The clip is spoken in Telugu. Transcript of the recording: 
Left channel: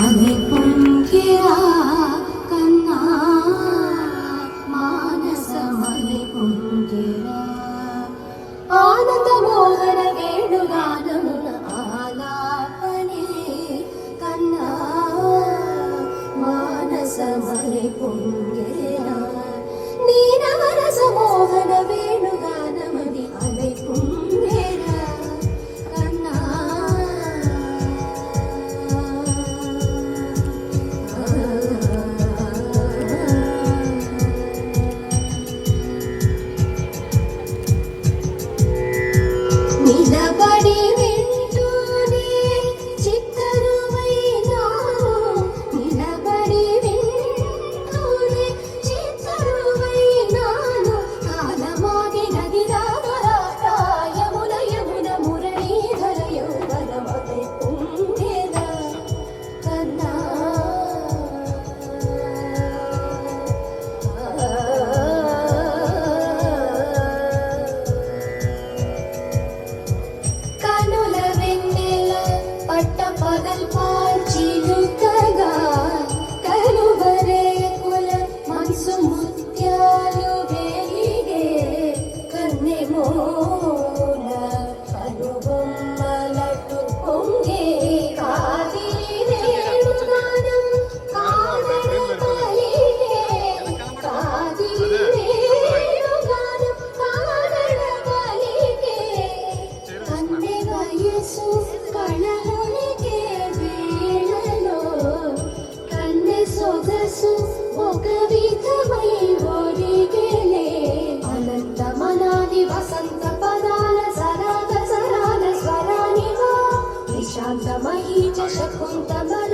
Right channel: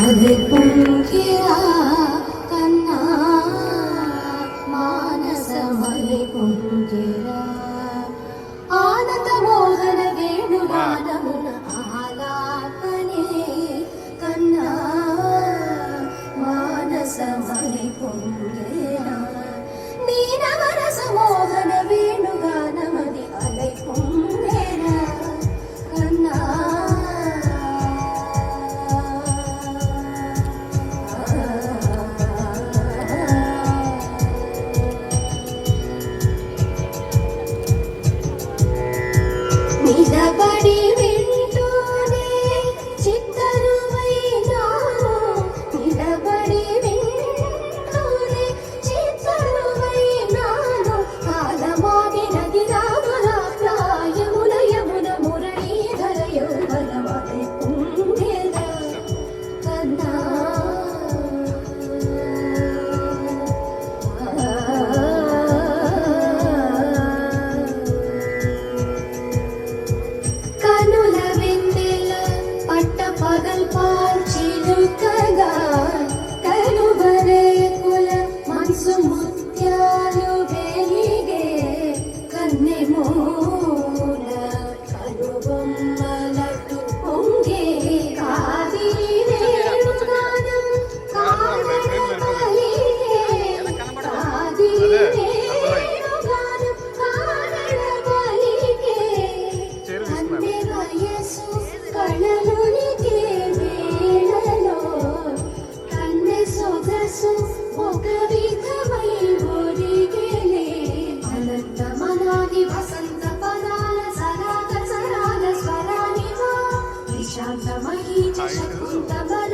అది పొంగిరా కన్నా మానసమని పొంగిరా ఆనంద మోహన వేణుగానమున ఆలాపనే కన్నా మానసమని పొంగిరా నీ నవరస మోహన వేణుగానమని అలై పొంగిరా కన్నా నిలబడి వింటూనే చిత్తరువైనాను నిలబడి వింటూనే చిత్తరువైనాను కాలమాగినది రామరా ప్రాయముల యమున మురళీధర యౌవనమై పొంగెరా కన్నా కనుల వెన్నెల పట్టపగల్ పాల్చిలుకగా కనువరేకుల మనసు ముత్యాలు వెలిగే కన్నెమూల కనుబొమ్మలటు పొంగే కాదిరి వేణుగానం కానడపలిగే కాదిరి వేణుగానం కానడపలిగే కన్నె వయసు కళలునికే వేళలో కన్నె సొగసు ఒక విధమై ఒరిగెలే అనంతమనాది వసంత పదాల సరాగ సరాల స్వరానివా నిశాంత మహీజ శకుంతమల